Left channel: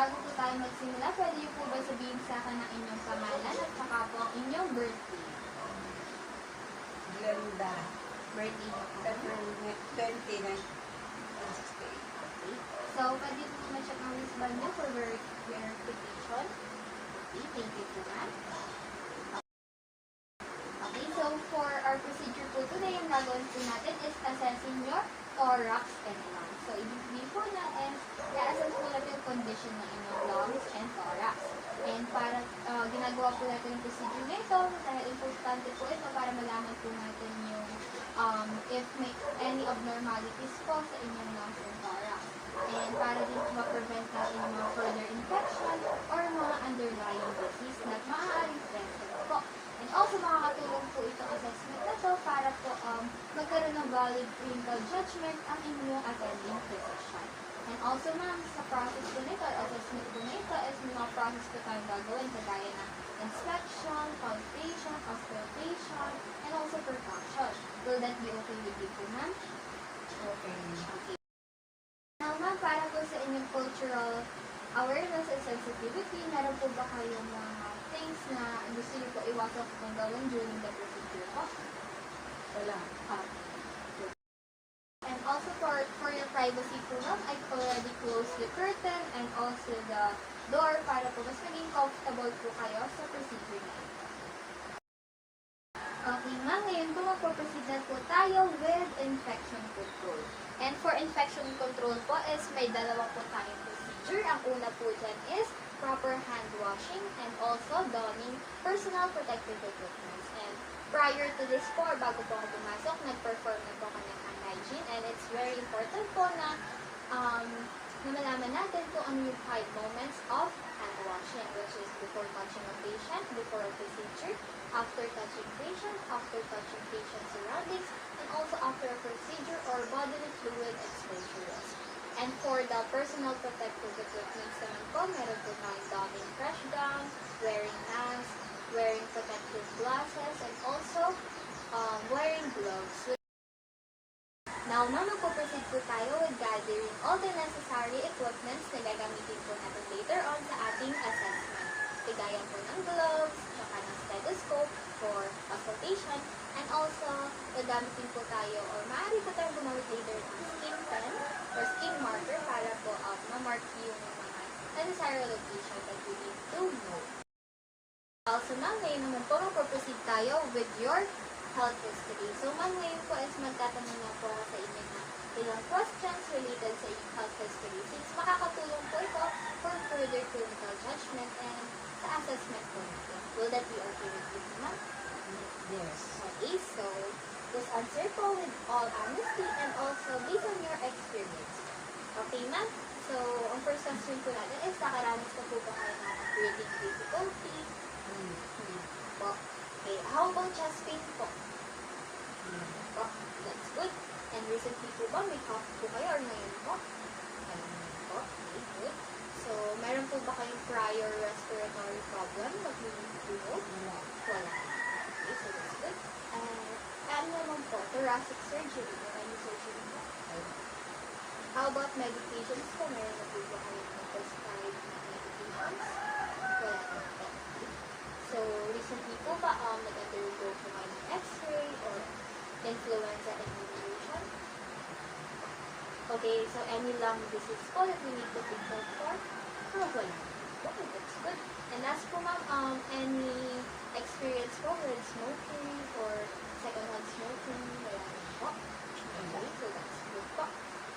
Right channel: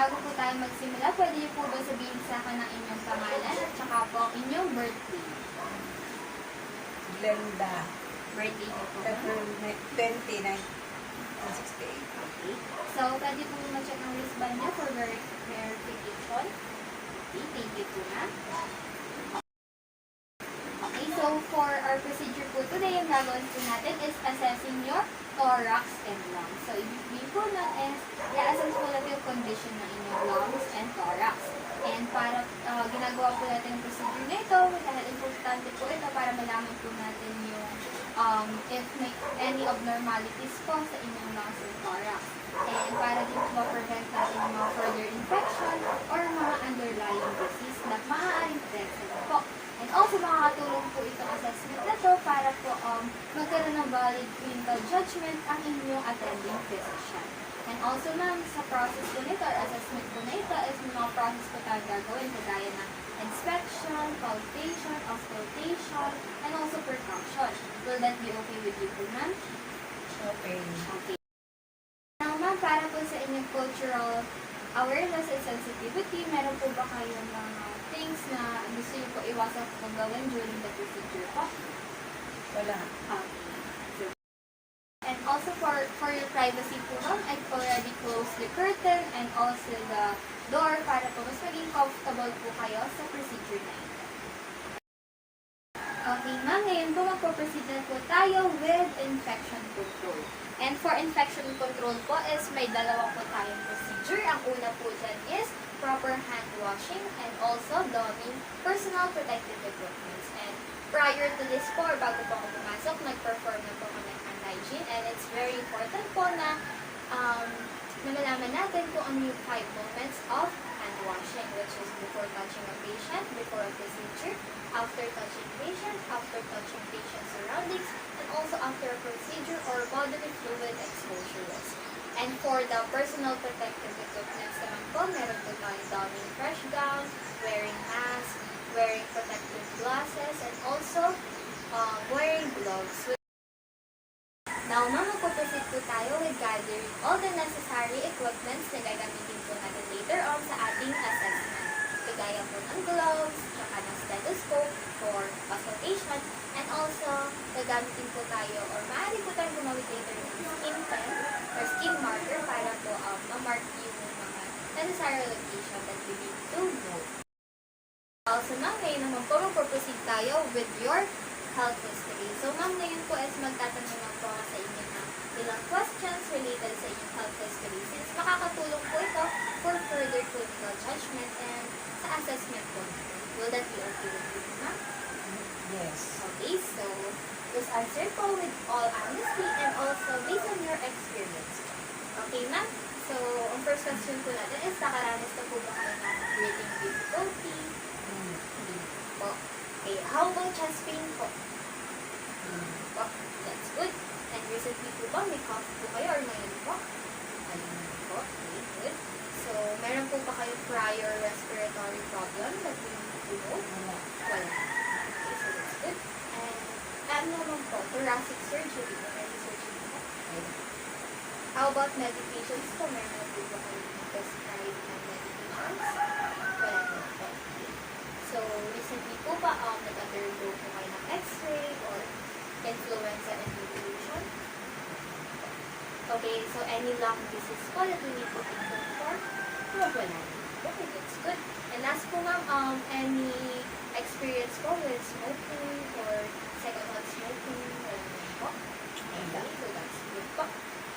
bago po tayo magsimula, pwede niyo po ba sabihin sa akin ang inyong pangalan at saka po ang inyong birthday? Glenda. Birthday niyo po. February 29, 1968. Okay. So, pwede po ma-check ang wristband niyo for verification. Okay, thank you po na. Okay, so for our procedure po today, ang gagawin po natin is assessing your thorax and lungs. So, ibig po na is, i-assess po natin yung condition ng inyong lungs and thorax. And para ginagawa po natin yung procedure na ito, dahil importante po ito para malaman po natin yung if may any abnormalities po sa inyong lungs and thorax. And para din po ma-prevent natin yung mga further infection or mga underlying disease na maaaring present po. And also, makakatulong po itong assessment na to para po magkaroon ng valid clinical judgment ang inyong attending physician. And also, ma'am, sa process po nito or assessment po na ito is may mga process po tayo gagawin kagaya ng inspection, palpation, auscultation, and also percussion. Will that be okay with you po, ma'am? Okay. Okay. Now, ma'am, para po sa inyong cultural awareness and sensitivity, meron po ba kayong mga things na gusto niyo po iwasan po gawin during the procedure po? Wala. Okay. And also for your privacy po, ma'am, I've already closed the curtain and also the door para po mas maging comfortable po kayo sa procedure na ito. Okay, ma'am, ngayon po magpo-proceed na po tayo with infection control. And for infection control po is may dalawa po tayong procedure. Ang una po dyan is proper hand washing and also donning personal protective equipment. And prior to this po, or bago po ako pumasok, nag-perform na po kami ng hand hygiene. And it's very important po na malalaman natin kung ano yung 5 moments of hand washing, which is before touching a patient, before a procedure, after touching patient, after touching patient surroundings, and also after a procedure or bodily fluid exposure risk. And for the personal protective equipment naman po, meron po tayo donning fresh gown, wearing mask, wearing protective glasses, and also wearing gloves. Now, ma'am, magpuproceed po tayo with gathering all the necessary equipments na gagamitin po natin later on sa ating assessment. Kagaya po ng gloves, saka ng stethoscope for auscultation, and also gagamitin po tayo or maaari po tayo gumamit later ng skin pen or skin marker para po ma-mark yung necessary location that you need to know. Also, ma'am, ngayon naman po magpuproceed tayo with your health history. So, ma'am, ngayon po is magtatanong lang po ako sa inyo ng ilang questions related sa inyong health history since makakatulong po ito for further clinical judgment and sa assessment po. Will that be okay with you, ma'am? Yes. Okay, so just answer po with all honesty and also based on your experience. Okay, ma'am? So, ang first question po natin is, nakaranas na po ba kayo ng breathing difficulty? Hindi po. Okay, how about chest pain po? Po, that's good. And recently po ba, may cough po kayo or ngayon po? Po, okay, good. So, meron po ba kayong prior respiratory problem that we need to know? Wala. Okay, so that's good. And ano naman po, thoracic surgery, any surgery po? How about medications po? Meron po ba kayong prescribed na medications? Wala po. Okay. So, recently po ba, nag-undergo po kayo ng x-ray or influenza evaluation? Okay, so any lung disease po that we need to take note for? Wala. Okay, that's good. And last po ma'am, any experience po with smoking or secondhand smoking? Wala po. Okay, so that's good po.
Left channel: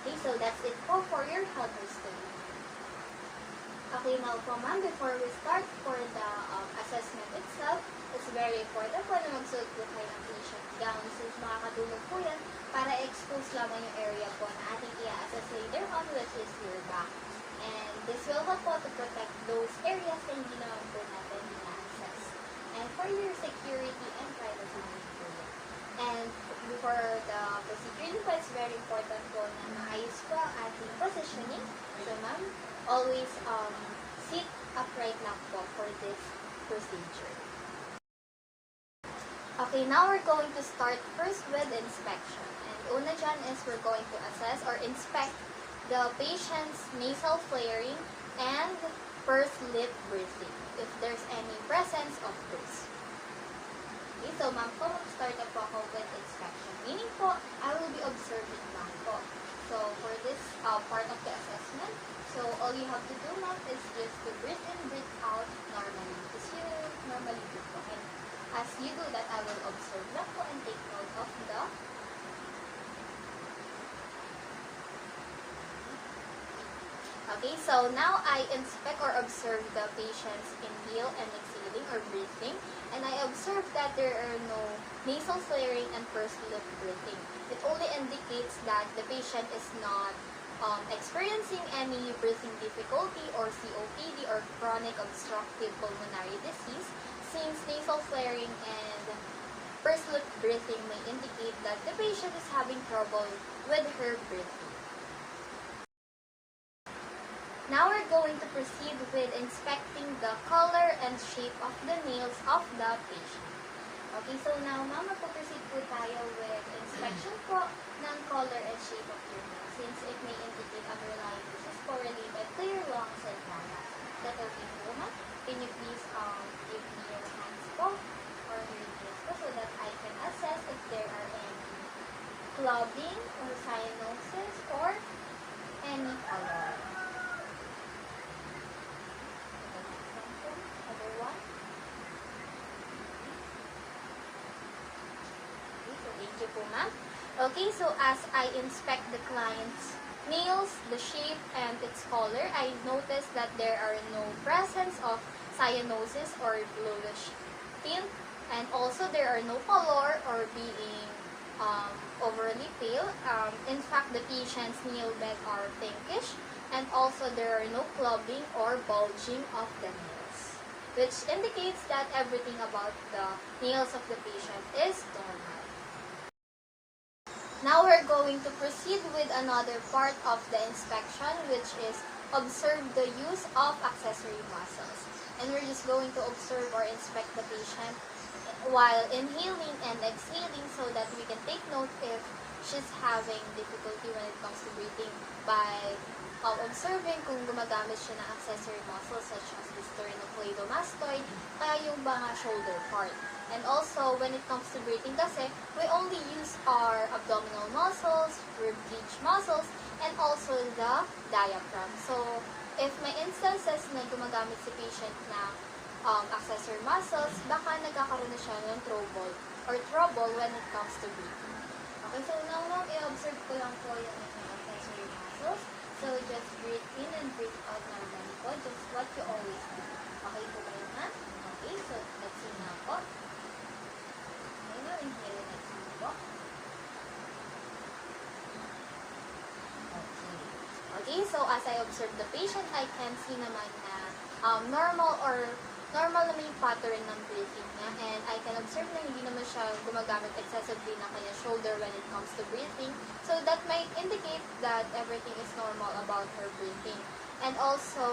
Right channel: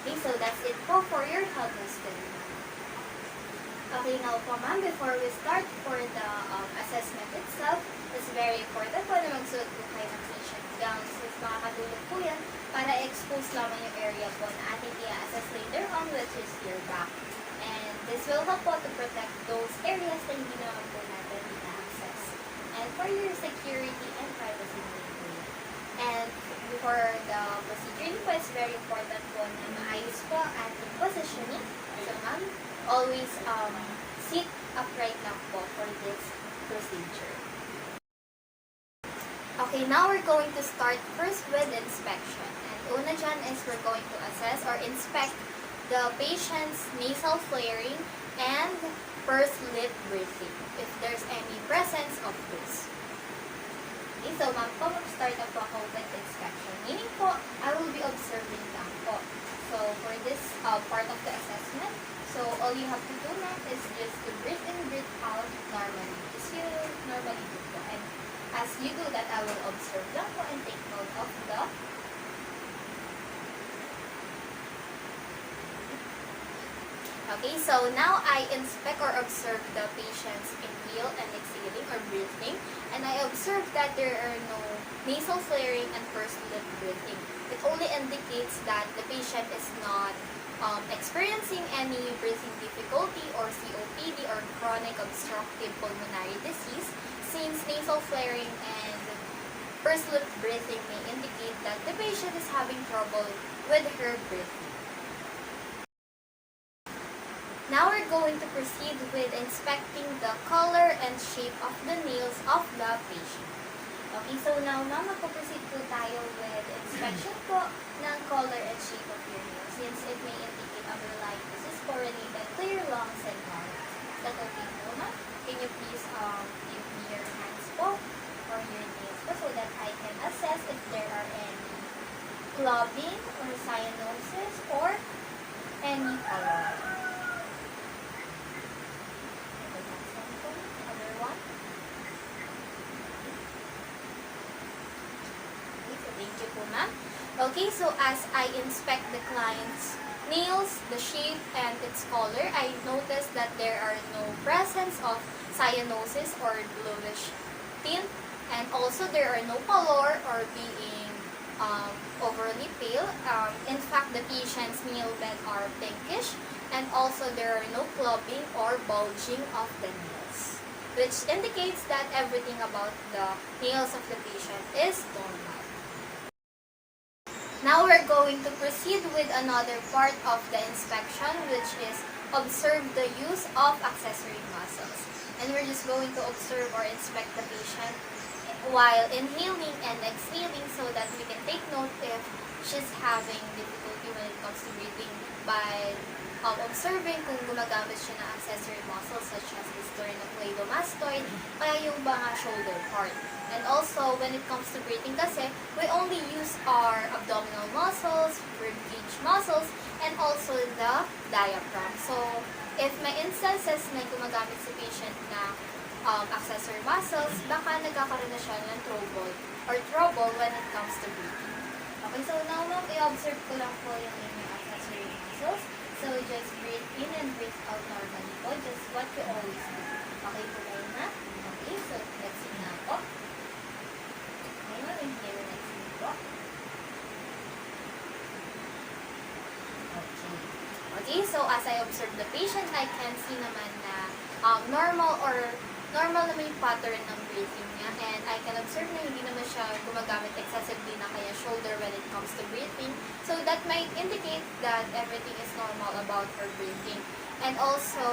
Okay, so that's it po for your health history. Okay, now po ma'am, before we start for the assessment itself, it's very important po na magsuot po kayo ng patient gown since makakatulong po yan para expose lamang yung area po na ating i-assess later on, which is your back. And this will help po to protect those areas na hindi naman po natin i-access. And for your security and privacy. And before the procedure po, it's very important po na maayos po ang ating positioning. So ma'am, always sit upright lang po for this procedure. Okay, now we're going to start first with inspection. And una dyan is we're going to assess or inspect the patient's nasal flaring and pursed lip breathing, if there's any presence of this. Okay, so ma'am po, mag-start na po ako with inspection. Meaning po, I will be observing lang po. So, for this part of the assessment, so all you have to do ma'am is just to breathe in, breathe out normally. Just you normally do po. And as you do that, I will observe lang po and take note of the Okay, so now I inspect or observe the patient's inhale and exhaling or breathing, and I observe that there are no nasal flaring and pursed lip breathing. It only indicates that the patient is not experiencing any breathing difficulty or COPD or chronic obstructive pulmonary disease, since nasal flaring and pursed lip breathing may indicate that the patient is having trouble with her breathing. Now we're going to proceed with inspecting the color and shape of the nails of the patient. Okay, so now ma'am, mag-proceed po tayo with inspection po ng color and shape of your nails, since it may indicate underlying disease correlated to your lungs and larynx. That's okay po ma'am? Can you please give me your hands po or your nails po so that I can assess if there are any clubbing or cyanosis or any color. Thank you po, ma'am. Okay, so as I inspect the client's nails, the shape, and its color, I noticed that there are no presence of cyanosis or bluish tint, and also there are no pallor or being overly pale. In fact, the patient's nail bed are pinkish, and also there are no clubbing or bulging of the nails, which indicates that everything about the nails of the patient is normal. Now we're going to proceed with another part of the inspection, which is observe the use of accessory muscles. And we're just going to observe or inspect the patient while inhaling and exhaling so that we can take note if she's having difficulty when it comes to breathing by observing kung gumagamit siya ng accessory muscles such as the sternocleidomastoid, kaya yung mga shoulder part. And also, when it comes to breathing kasi, we only use our abdominal muscles, rib cage muscles, and also the diaphragm. So, if may instances na gumagamit si patient na accessory muscles, baka nagkakaroon na siya ng trouble when it comes to breathing. Okay, so now ma'am, i-observe ko lang po yung inyong accessory muscles. So, just breathe in and breathe out normally po, just what you always do. Okay po kayo na? Okay, so let's see na po. Inhale and exhale po. Okay, so as I observe the patient, I can see naman na normal naman yung pattern ng breathing niya, and I can observe na hindi naman siya gumagamit excessively na kaya shoulder when it comes to breathing. So that might indicate that everything is normal about her breathing. And also,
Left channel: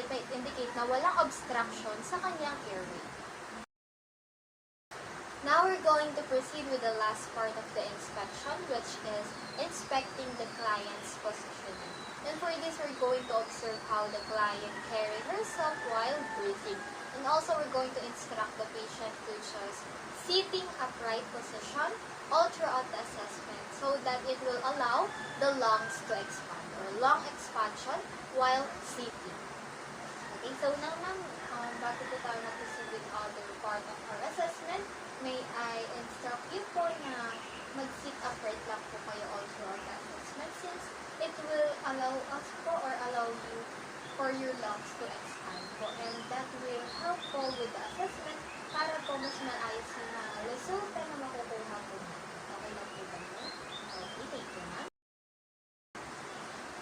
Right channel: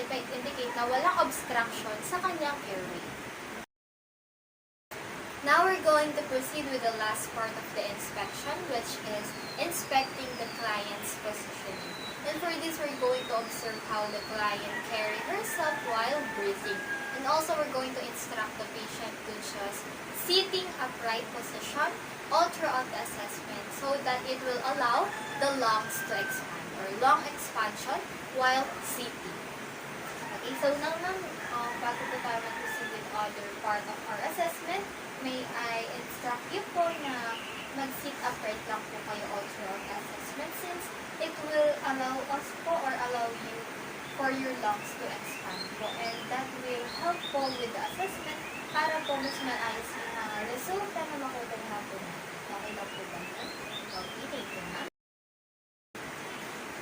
it might indicate na walang obstruction sa kanyang airway. Now we're going to proceed with the last part of the inspection, which is inspecting the client's positioning. And for this, we're going to observe how the client carry herself while breathing. And also, we're going to instruct the patient to just sitting upright position all throughout the assessment so that it will allow the lungs to expand or lung expansion while sitting. Okay, so now ma'am, bago po tayo mag-proceed with other part of our assessment, may I instruct you po na mag-sit upright lang po kayo all throughout the assessment, since it will allow us po or allow you for your lungs to expand po, and that will help po with the assessment para po mas maayos yung mga resulta na makukuha po natin. Okay lang po ba? Okay, thank you ma'am.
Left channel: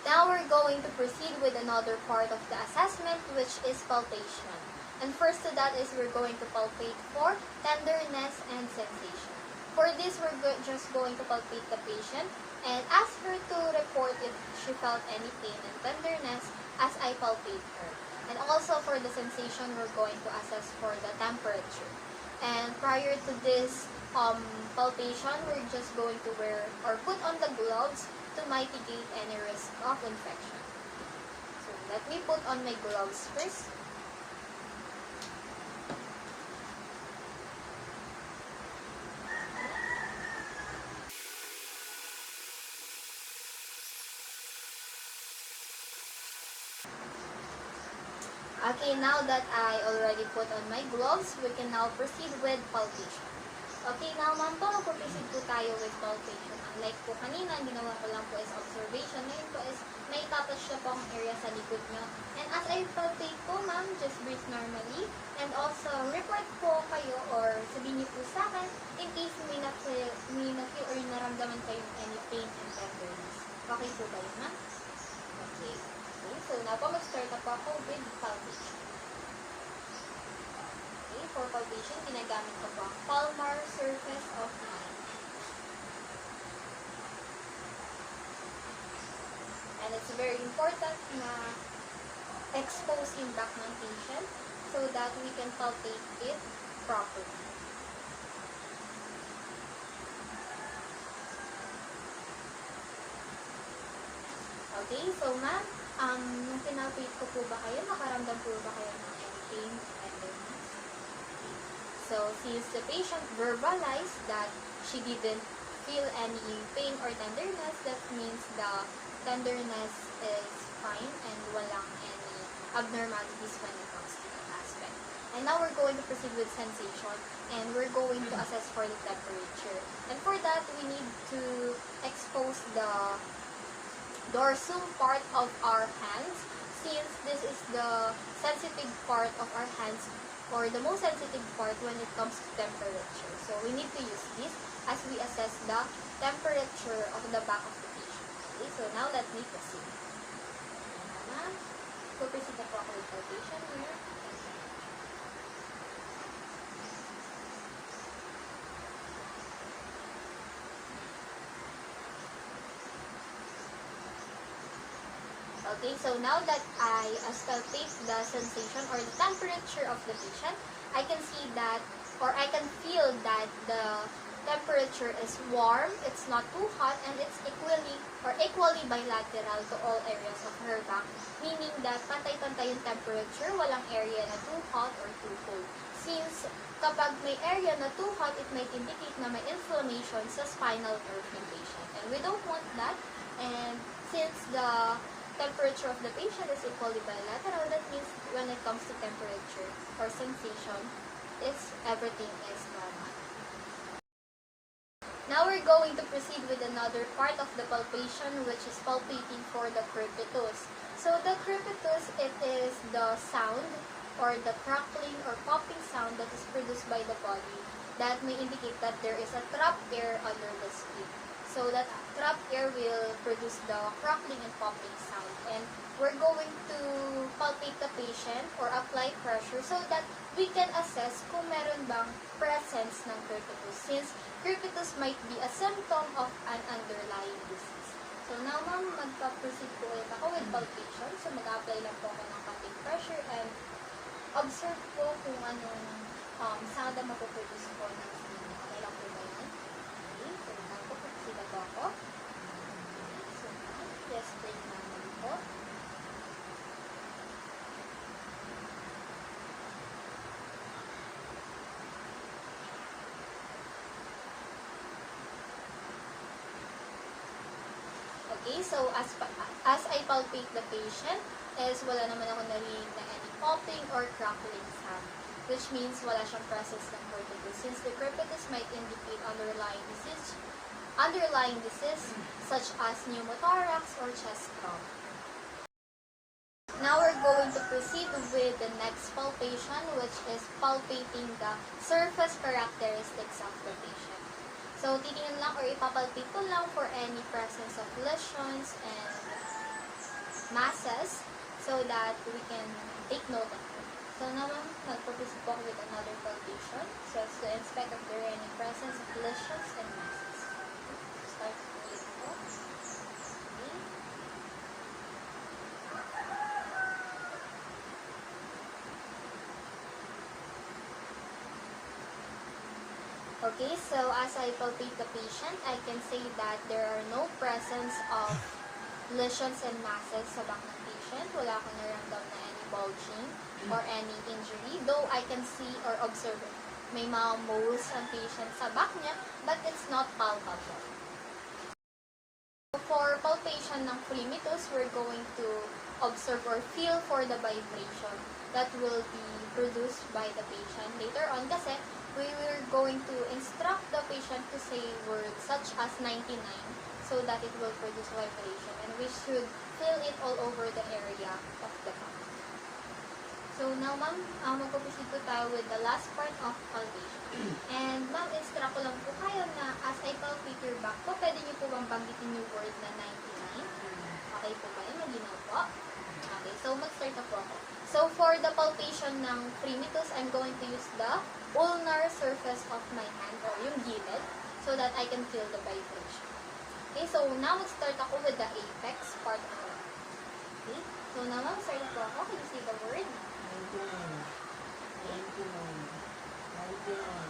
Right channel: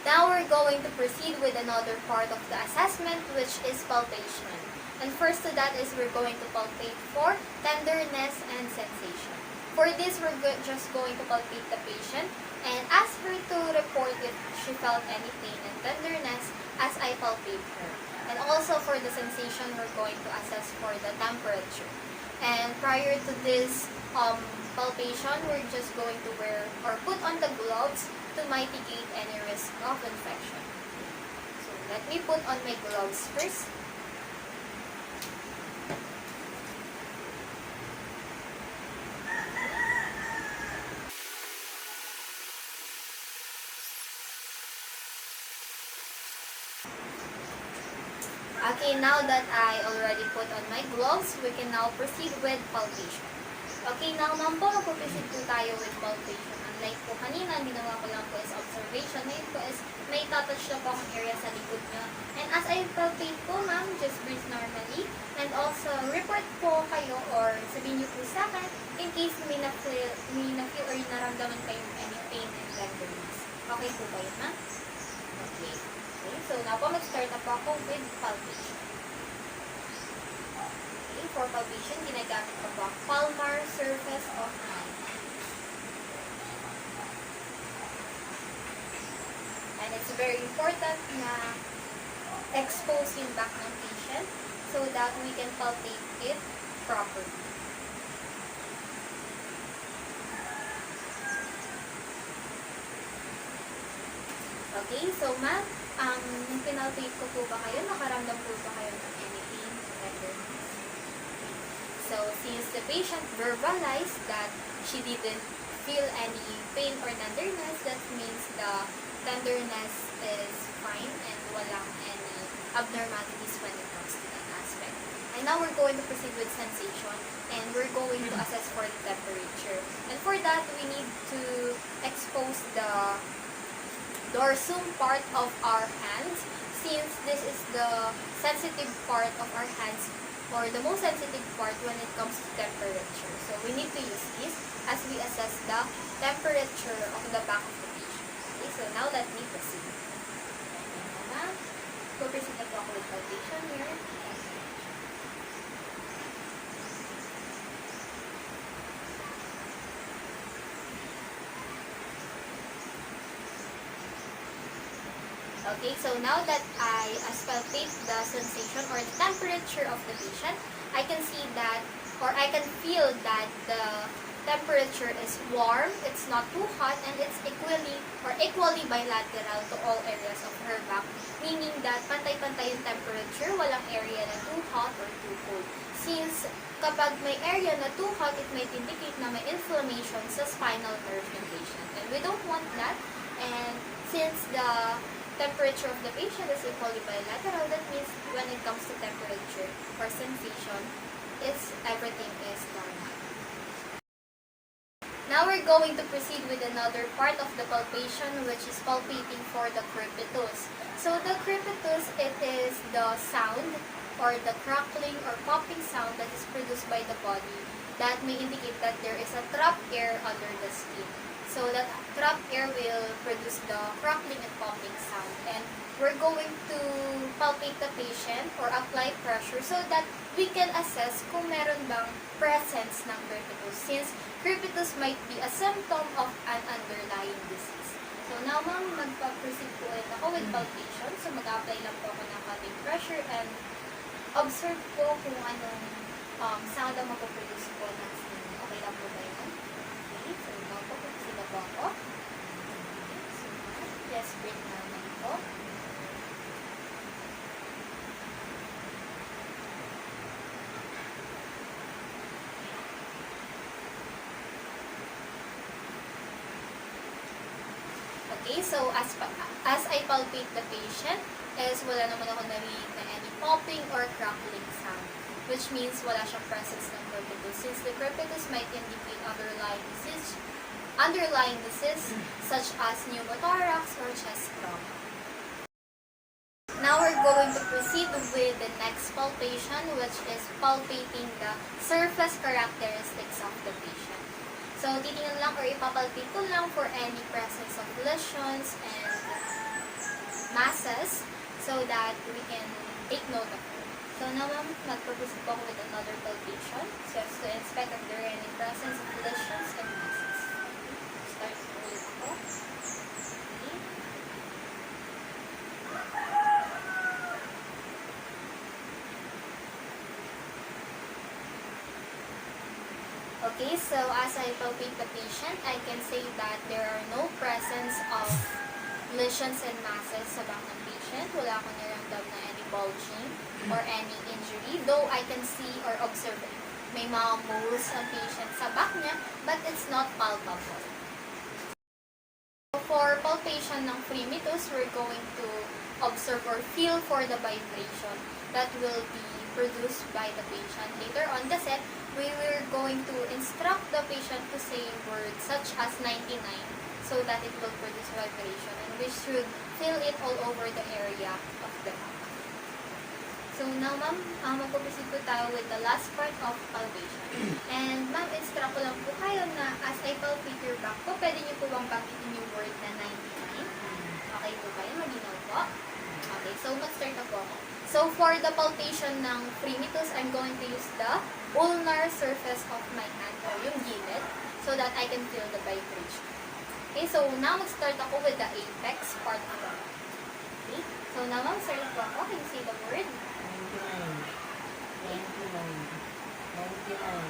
Now we're going to proceed with another part of the assessment, which is palpation. And first to that is we're going to palpate for tenderness and sensation. For this, we're just going to palpate the patient and ask her to report if she felt any pain and tenderness as I palpate her. And also for the sensation, we're going to assess for the temperature. And prior to this palpation, we're just going to wear or put on the gloves to mitigate any risk of infection. So let me put on my gloves first. Okay, now that I already put on my gloves, we can now proceed with palpation. Okay, now ma'am po, mag-proceed po tayo with palpation. Unlike po kanina, ginawa ko lang po is observation. Ngayon po is may touch na po akong area sa likod niyo. And as I palpate po ma'am, just breathe normally. And also, report po kayo or sabihin niyo po sa akin in case may na-feel or naramdaman kayo any pain and tenderness. Okay po ba yun ma'am? Okay. So, now po, mag-start na po ako with palpation. Okay, for palpation, ginagamit ko po ang palmar surface of my hand. And it's very important na expose yung back ng patient so that we can palpate it properly. Okay, so ma'am, nung pinalpate ko po ba kayo, nakaramdam po ba kayo ng any pain or tenderness? Okay. So, since the patient verbalized that she didn't feel any pain or tenderness, that means the tenderness is fine and walang any abnormalities when it comes to that aspect. And now we're going to proceed with sensation and we're going to assess for the temperature. And for that, we need to expose the dorsum part of our hands, since this is the sensitive part of our hands or the most sensitive part when it comes to temperature. So we need to use this as we assess the temperature of the back of the patient. Okay, so now let me proceed. Proceed na po ako with palpation here. Okay, so now that I palpate the sensation or the temperature of the patient, I can see that, or I can feel that the temperature is warm, it's not too hot, and it's equally bilateral to all areas of her back, meaning that pantay-pantay yung temperature, walang area na too hot or too cold. Since kapag may area na too hot, it might indicate na may inflammation sa spinal nerve in patient. And we don't want that, and since the temperature of the patient is equally bilateral, that means when it comes to temperature or sensation, everything is normal. Now we're going to proceed with another part of the palpation, which is palpating for the crepitus. So the crepitus, it is the sound or the crackling or popping sound that is produced by the body that may indicate that there is a trapped air under the skin. So that trapped air will produce the crackling and popping sound. And we're going to palpate the patient or apply pressure so that we can assess kung meron bang presence ng crepitus, since crepitus might be a symptom of an underlying disease. So now ma'am, magpa-proceed po ulit ako with palpation. So mag-apply lang po ako ng popping pressure and observe po kung anong sound ang mapoproduce po ng skin. Okay lang po ba yun? Okay, so now po, proceed na po ako. So just breathe naman po. Okay, so as I palpate the patient, is wala naman ako narinig na any popping or crackling sound, which means wala siyang presence ng crepitus, since the crepitus might indicate underlying disease such as pneumothorax or chest trauma. Now we're going to proceed with the next palpation, which is palpating the surface characteristics of the patient. So, titingnan lang or ipapalpate ko lang for any presence of lesions and masses so that we can take note of it. So, now ma'am, mag-proceed po ako with another palpation just to inspect if there are any presence of lesions and masses. Start ulit ako. Okay. Okay, so as I palpate the patient, I can say that there are no presence of lesions and masses sa back ng patient. Wala akong naramdam na any bulging or any injury. Though I can see or observe may mga moles ng patient sa back niya, but it's not palpable. For palpation ng fremitus, we're going to observe or feel for the vibration that will be produced by the patient later on kasi we were going to instruct the patient to say words such as 99 so that it will produce vibration, and we should feel it all over the area of the back. So now ma'am, magpo-proceed po tayo with the last part of palpation. And ma'am, instruct ko lang po kayo na as I palpate your back po, pwede niyo po bang banggitin yung word na 99? Okay po kayo, malinaw po? Okay, so mag-start na po ako. So for the palpation ng fremitus, I'm going to use the ulnar surface of my hand o yung gilid so that I can feel the vibration. Okay, so now mag-start ako with the apex part of it. Okay, so now ma'am, start po ako. Can you say the word? 99, 99, 99, 99,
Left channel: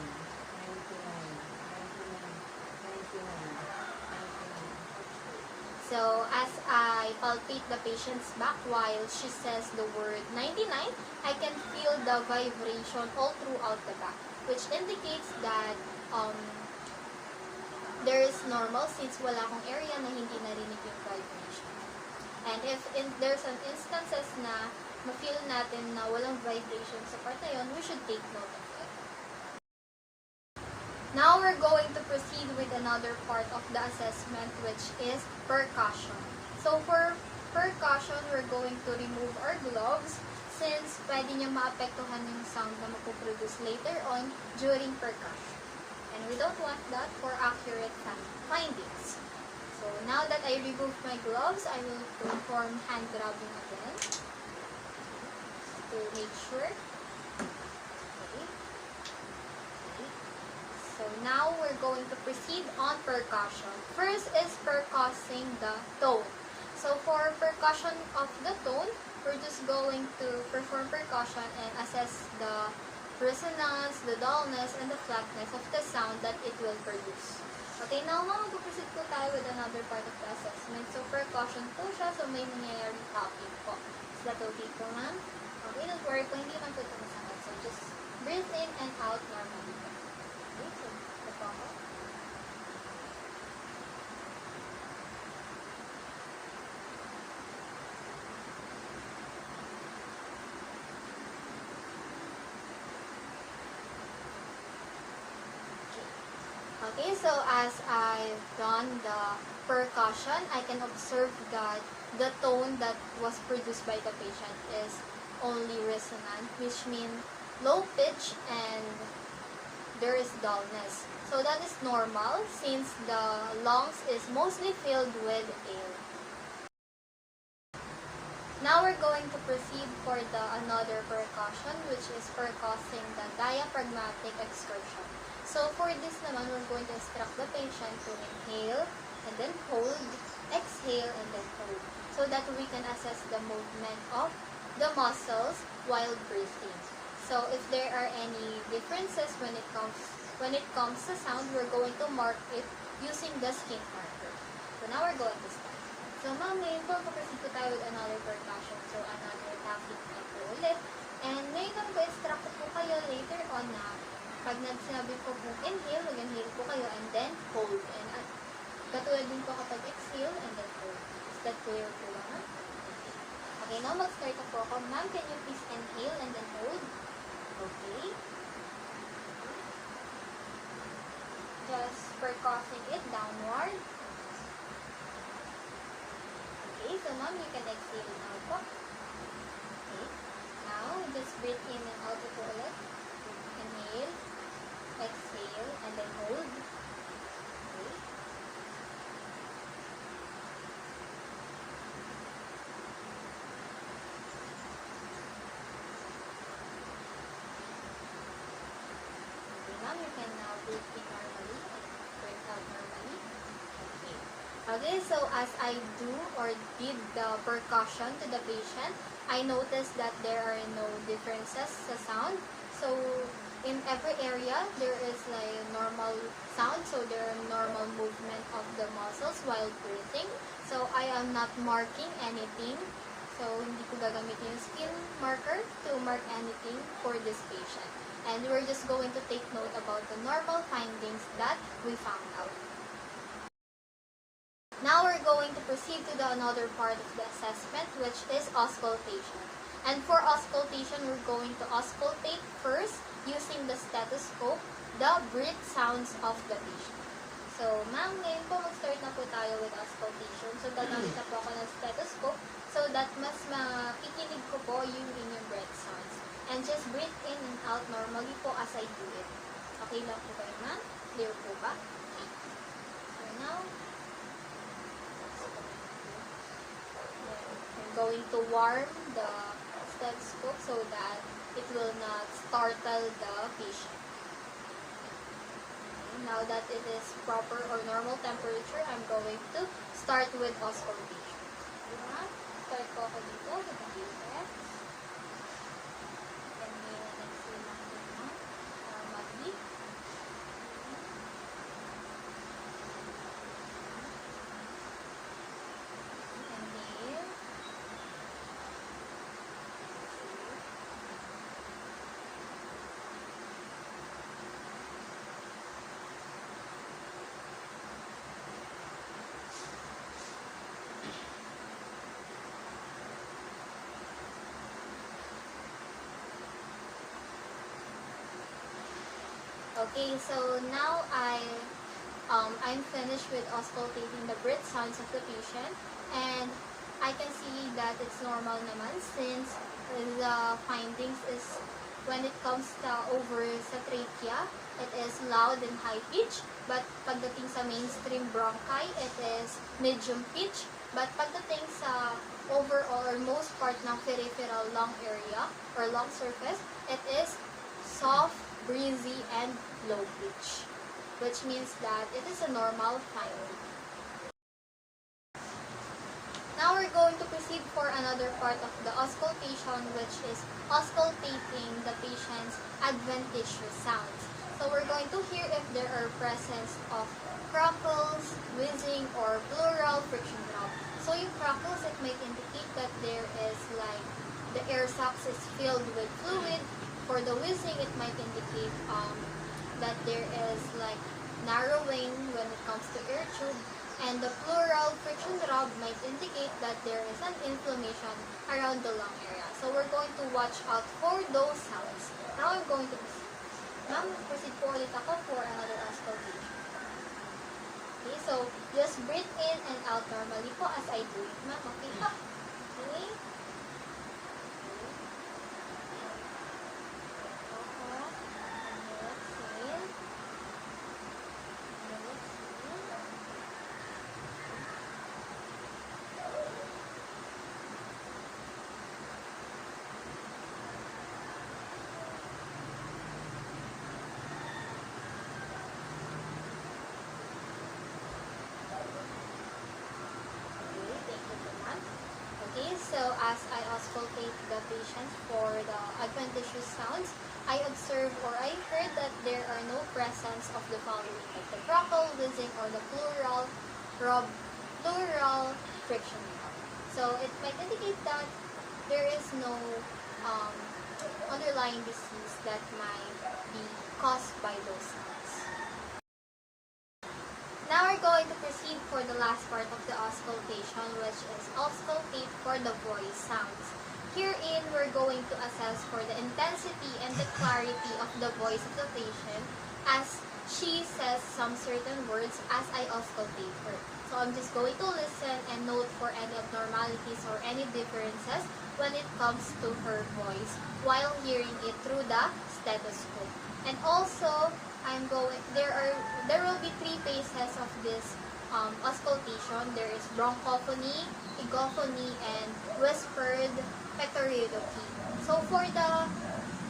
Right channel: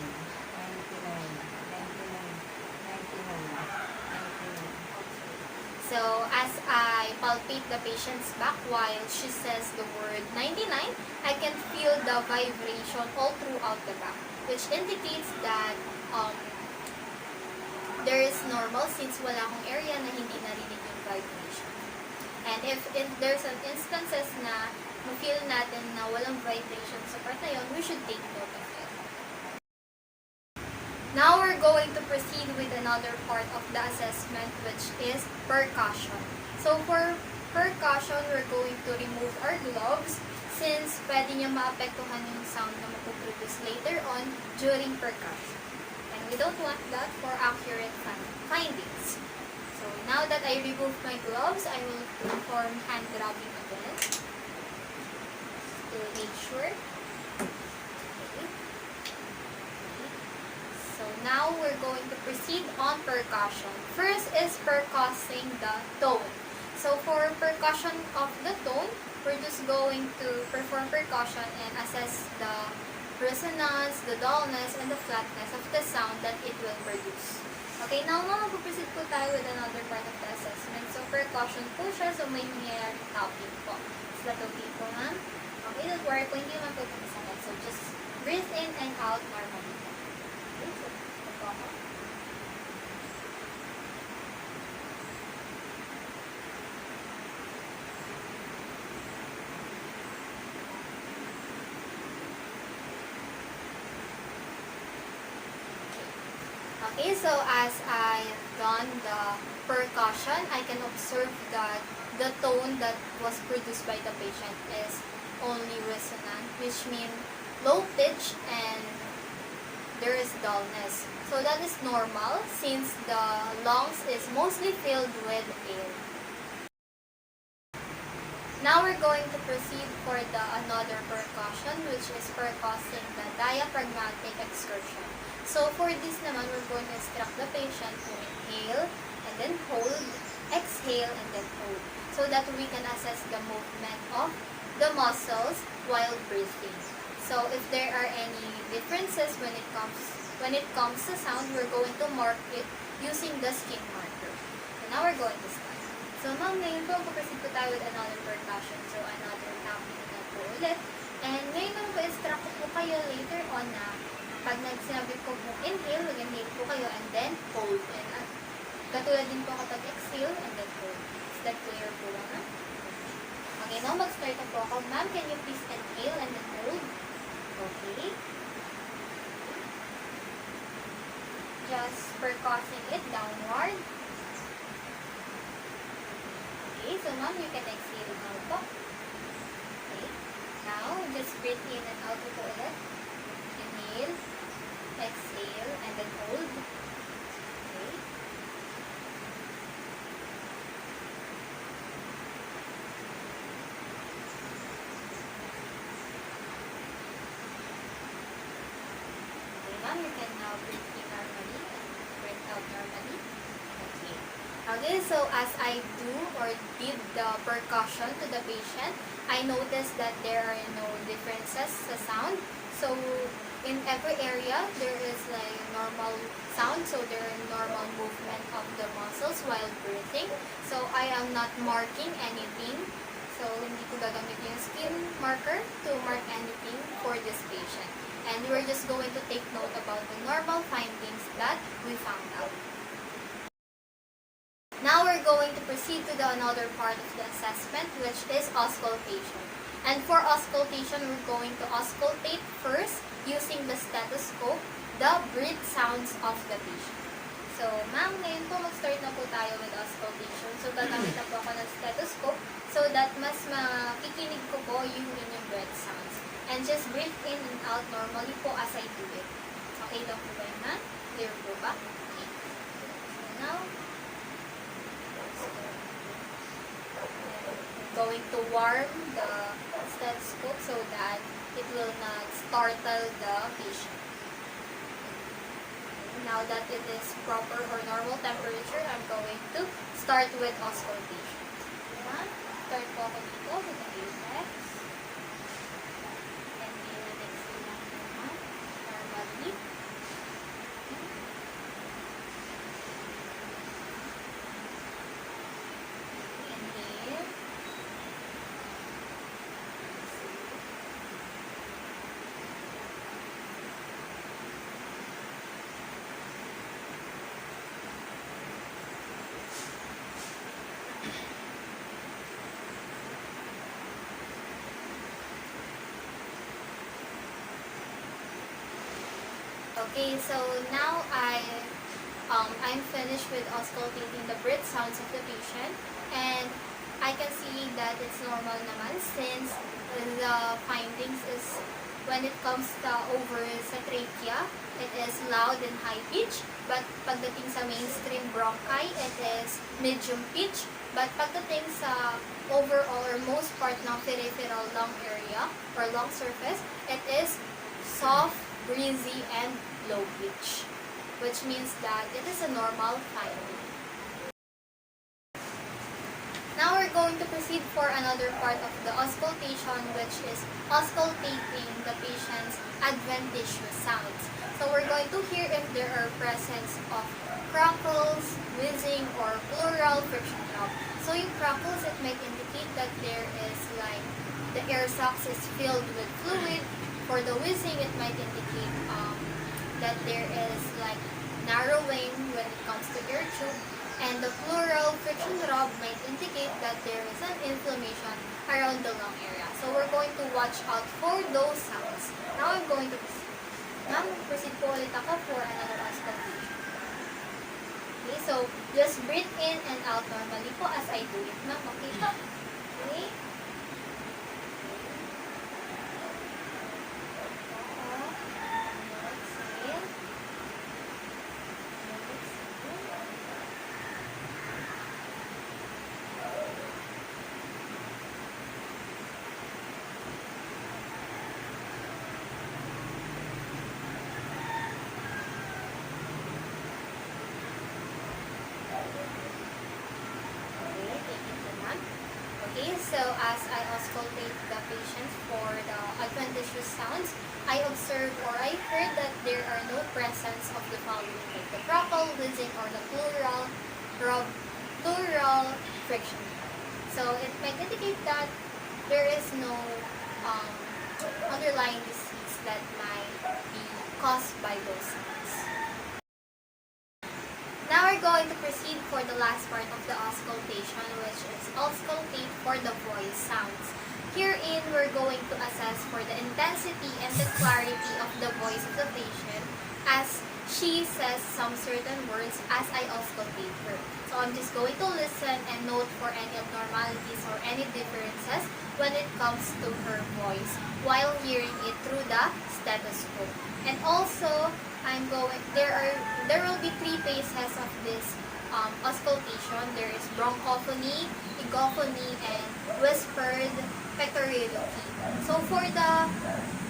99. So, as I palpate the patient's back while she says the word 99, I can feel the vibration all throughout the back, which indicates that there is normal since wala akong area na hindi narinig yung vibration. And if there's an instances na ma-feel natin na walang vibration sa part na yun, we should take note of it. Now we're going to proceed with another part of the assessment, which is percussion. So for percussion, we're going to remove our gloves since pwede niya maapektuhan yung sound na mapuproduce later on during percussion. And we don't want that for accurate findings. So now that I remove my gloves, I will perform hand grabbing again to make sure. So now we're going to proceed on percussion. First is percussing the tone. So for percussion of the tone, we're just going to perform percussion and assess the resonance, the dullness, and the flatness of the sound that it will produce. Okay, now mag-proceed po tayo with another part of the assessment. So percussion po siya, so may nangyayari tapping po. Is that okay po ma'am? Okay, don't worry po, hindi naman po ito masakit. So just breathe in and out normally. Okay, so as I've done the percussion, I can observe that the tone that was produced by the patient is only resonant, which means low pitch and there is dullness. So that is normal since the lungs is mostly filled with air. Now we're going to proceed for the another percussion, which is percussing the diaphragmatic excursion. So for this naman, we're going to instruct the patient to inhale and then hold, exhale and then hold, so that we can assess the movement of the muscles while breathing. So if there are any differences when it comes to sound, we're going to mark it using the skin marker. So now we're going to start. So ma'am, ngayon po, proceed po tayo with another percussion. So another tapping na po ulit. And ngayon po, instruct po kayo later on na pag sinabi ko po inhale, mag-inhale po kayo and then hold. And katulad din po kapag exhale and then hold. Is that clear po ma'am? Okay, now mag-start na po ako. Ma'am, can you please inhale and then hold? Okay. Just percussing it downward. Okay, so ma'am, you can exhale now po. Okay. Now, just breathe in and out ito ulit. Inhale, exhale, and then hold. Okay. Okay, ma'am, you can now breathe in normally and breathe out normally. Okay. Okay, so as I do or did the percussion to the patient, I noticed that there are no differences sa sound. So, in every area there is like normal sound, so there is normal movement of the muscles while breathing. So I am not marking anything. So hindi ko gagamit yung skin marker to mark anything for this patient. And we're just going to take note about the normal findings that we found out. Now we're going to proceed to another part of the assessment, which is auscultation. And for auscultation, we're going to auscultate first using the stethoscope, the breath sounds of the patient. So, ma'am, ngayon po mag-start na po tayo with auscultation. So, gagamit na po ako ng stethoscope so that mas makikinig ko po yung inyong breath sounds. And just breathe in and out normally po as I do it. Okay lang po ba yun na? Clear po ba? Okay. So, now, I'm going to warm the stethoscope so that it will not startle the patient. Now that it is proper or normal temperature, I'm going to start with auscultation. Start po ako dito with the apex. And then the next thing natin na normally. And then okay, so now I'm finished with auscultating the breath sounds of the patient, and I can see that it's normal naman since the findings is when it comes to over sa trachea, it is loud and high pitch, but pagdating sa mainstream bronchi, it is medium pitch, but pagdating sa overall or most part ng peripheral lung area or lung surface, it is soft, breezy, and low pitch, which means that it is a normal finding. Now we're going to proceed for another part of the auscultation, which is auscultating the patient's adventitious sounds. So we're going to hear if there are presence of crackles, whizzing, or pleural friction drop. So yung crackles, it might indicate that there is like the air sacs is filled with fluid. For the whizzing, it might indicate that there is like narrowing when it comes to air tube. And the pleural friction rub might indicate that there is an inflammation around the lung area. So we're going to watch out for those sounds. Now I'm going to proceed. Ma'am, proceed po ulit ako for another auscultation. Okay, so just breathe in and out normally po as I do it. Ma'am, okay po? Okay? So as I auscultate the patients for the adventitious sounds, I observed or I heard that there are no presence of the following, like the crackle, whizzing, or the pleural friction. So it might indicate that there is no underlying disease that might be caused by those sounds. Now we're going to proceed for the last part of the auscultation, which is auscultate for the voice sounds. Herein, we're going to assess for the intensity and the clarity of the voice of the patient as she says some certain words as I auscultate her. So I'm just going to listen and note for any abnormalities or any differences when it comes to her voice while hearing it through the stethoscope. And also, there will be three phases of this auscultation. There is bronchophony, egophony, and whispered pectorilloquy. So for the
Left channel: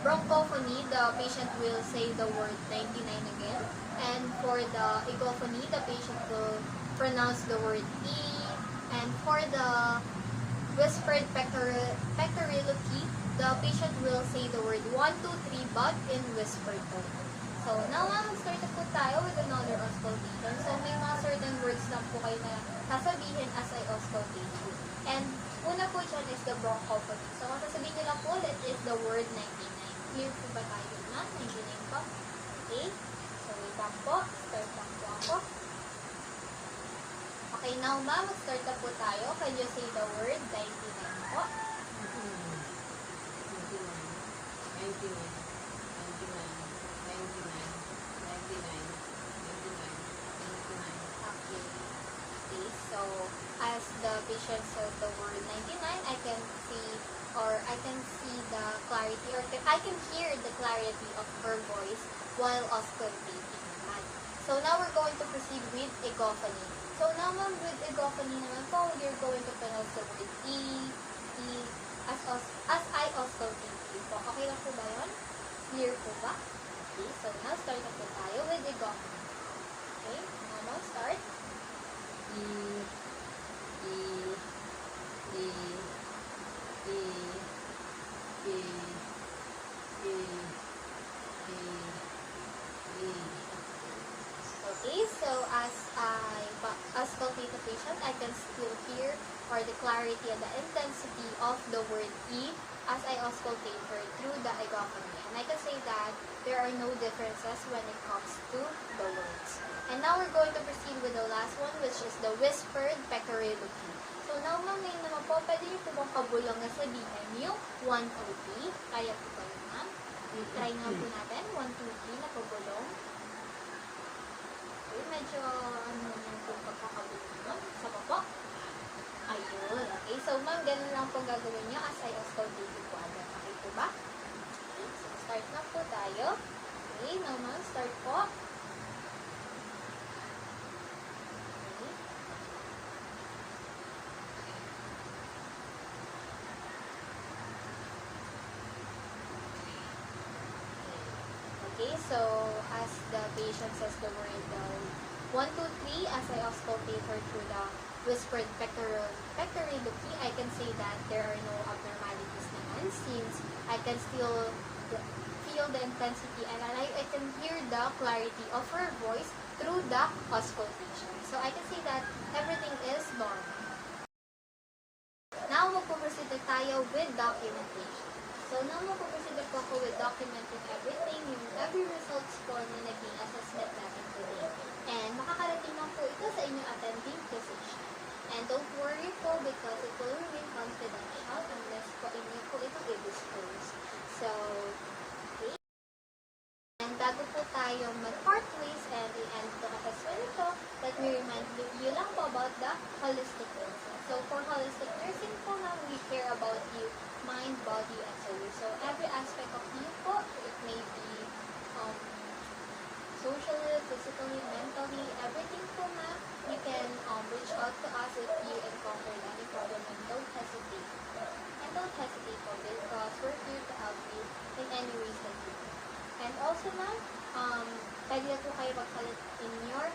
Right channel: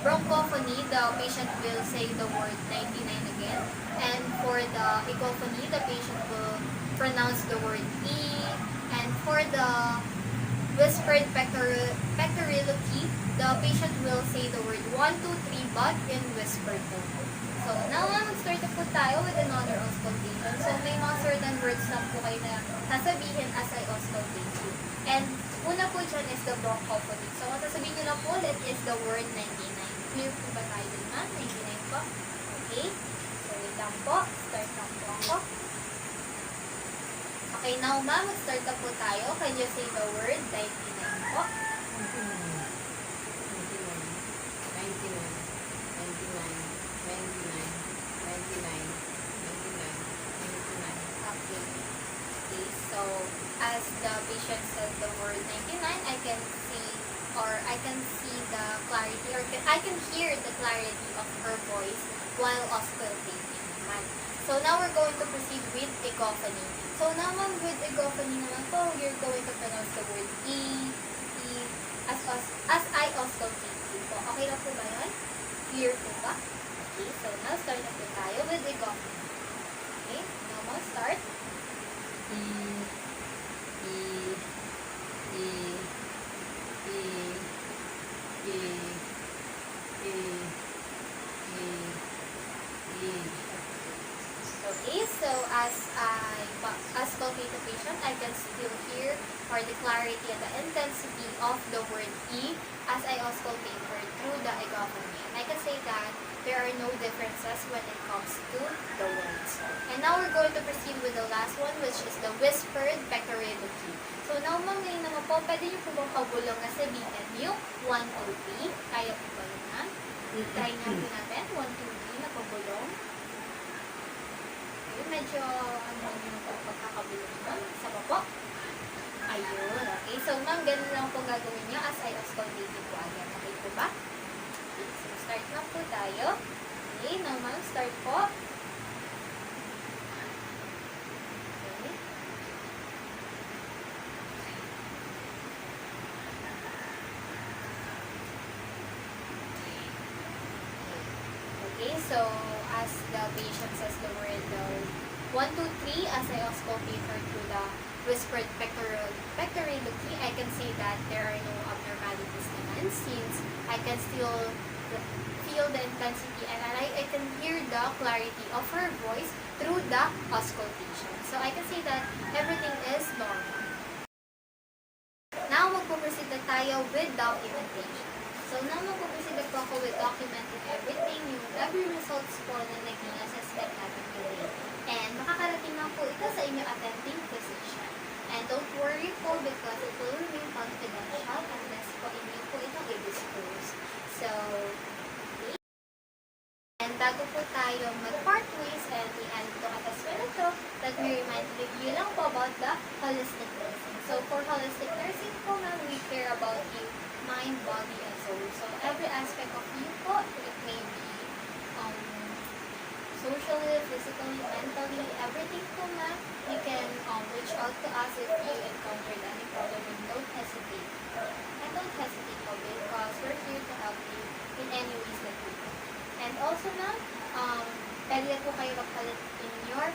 bronchophony, the patient will say the word 99 again. And for the egophony, the patient will pronounce the word E. And for the whispered pectorilloquy, the patient will say the word 1, 2, 3, but in whispered mag-start na po tayo. Can you say the word 99 po? 99, 99, 99, 99, 99, 99, 99, 99, 99. Okay. So, as the patient says the word 99, I can see the clarity, or I can hear the clarity of her voice while auscultating naman. So, now we're going to proceed with egophony. So, naman with egophony naman po, you're going to pronounce the word as I auscultate you po. Okay na po ba yun? Clear po ba? Okay, so now start na po tayo with egophony. Okay, now mo start. Okay, so as I auscultate the patient, I can still hear or the clarity and the intensity of the word E as I auscultate her through the egophony. And I can say that there are no differences when it comes to the words. And now we're going to proceed with the last one, which is the whispered pectoridochy. So now ngayon naman po, pwede niyo po bang pabulong na sabihin yung 1, 2, 3? Kaya po ba yun na? Try na po natin. 1, 2, 3 na pabulong. Okay, medyo yung pagkakabulong nun. Isa pa po. Ayun. Okay, so ma'am, ganun lang po gagawin niyo as I auscultate po agad. Okay po ba? Okay, so start na po tayo. Okay, now ma'am, start po. Okay. Okay, so as the patient says the word 1, 2, 3, as I auscultate her through the whispered pectoridochy, I can say that there are no abnormalities naman since I can still feel the intensity and I can hear the clarity of her voice through the auscultation. So I can say that everything is normal. Now, magpo-proceed na tayo with documentation. So now, magpo-proceed na po ako with documenting everything, yung every results po na naging assessment natin today. And makakarating lang po ito sa inyo attending physician. And don't worry po because it will remain confidential unless po inyo po ito i-disclose. So, okay. And bago po tayo mag-part ways and i-add itong assessment ito, let me remind you lang po about the holistic nursing. So, for holistic nursing po, we care about you, mind, body, and soul. So, every aspect of you po, it may be socially, physically, mentally, everything po na you can reach out to us if you encounter any problem and don't hesitate. And don't hesitate po because we're here to help you in any ways that you can. And also na, pwede po kayo magpalit in your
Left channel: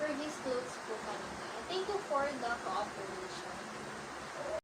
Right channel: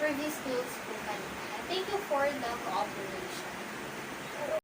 previous clothes po kanina. And thank you for the cooperation.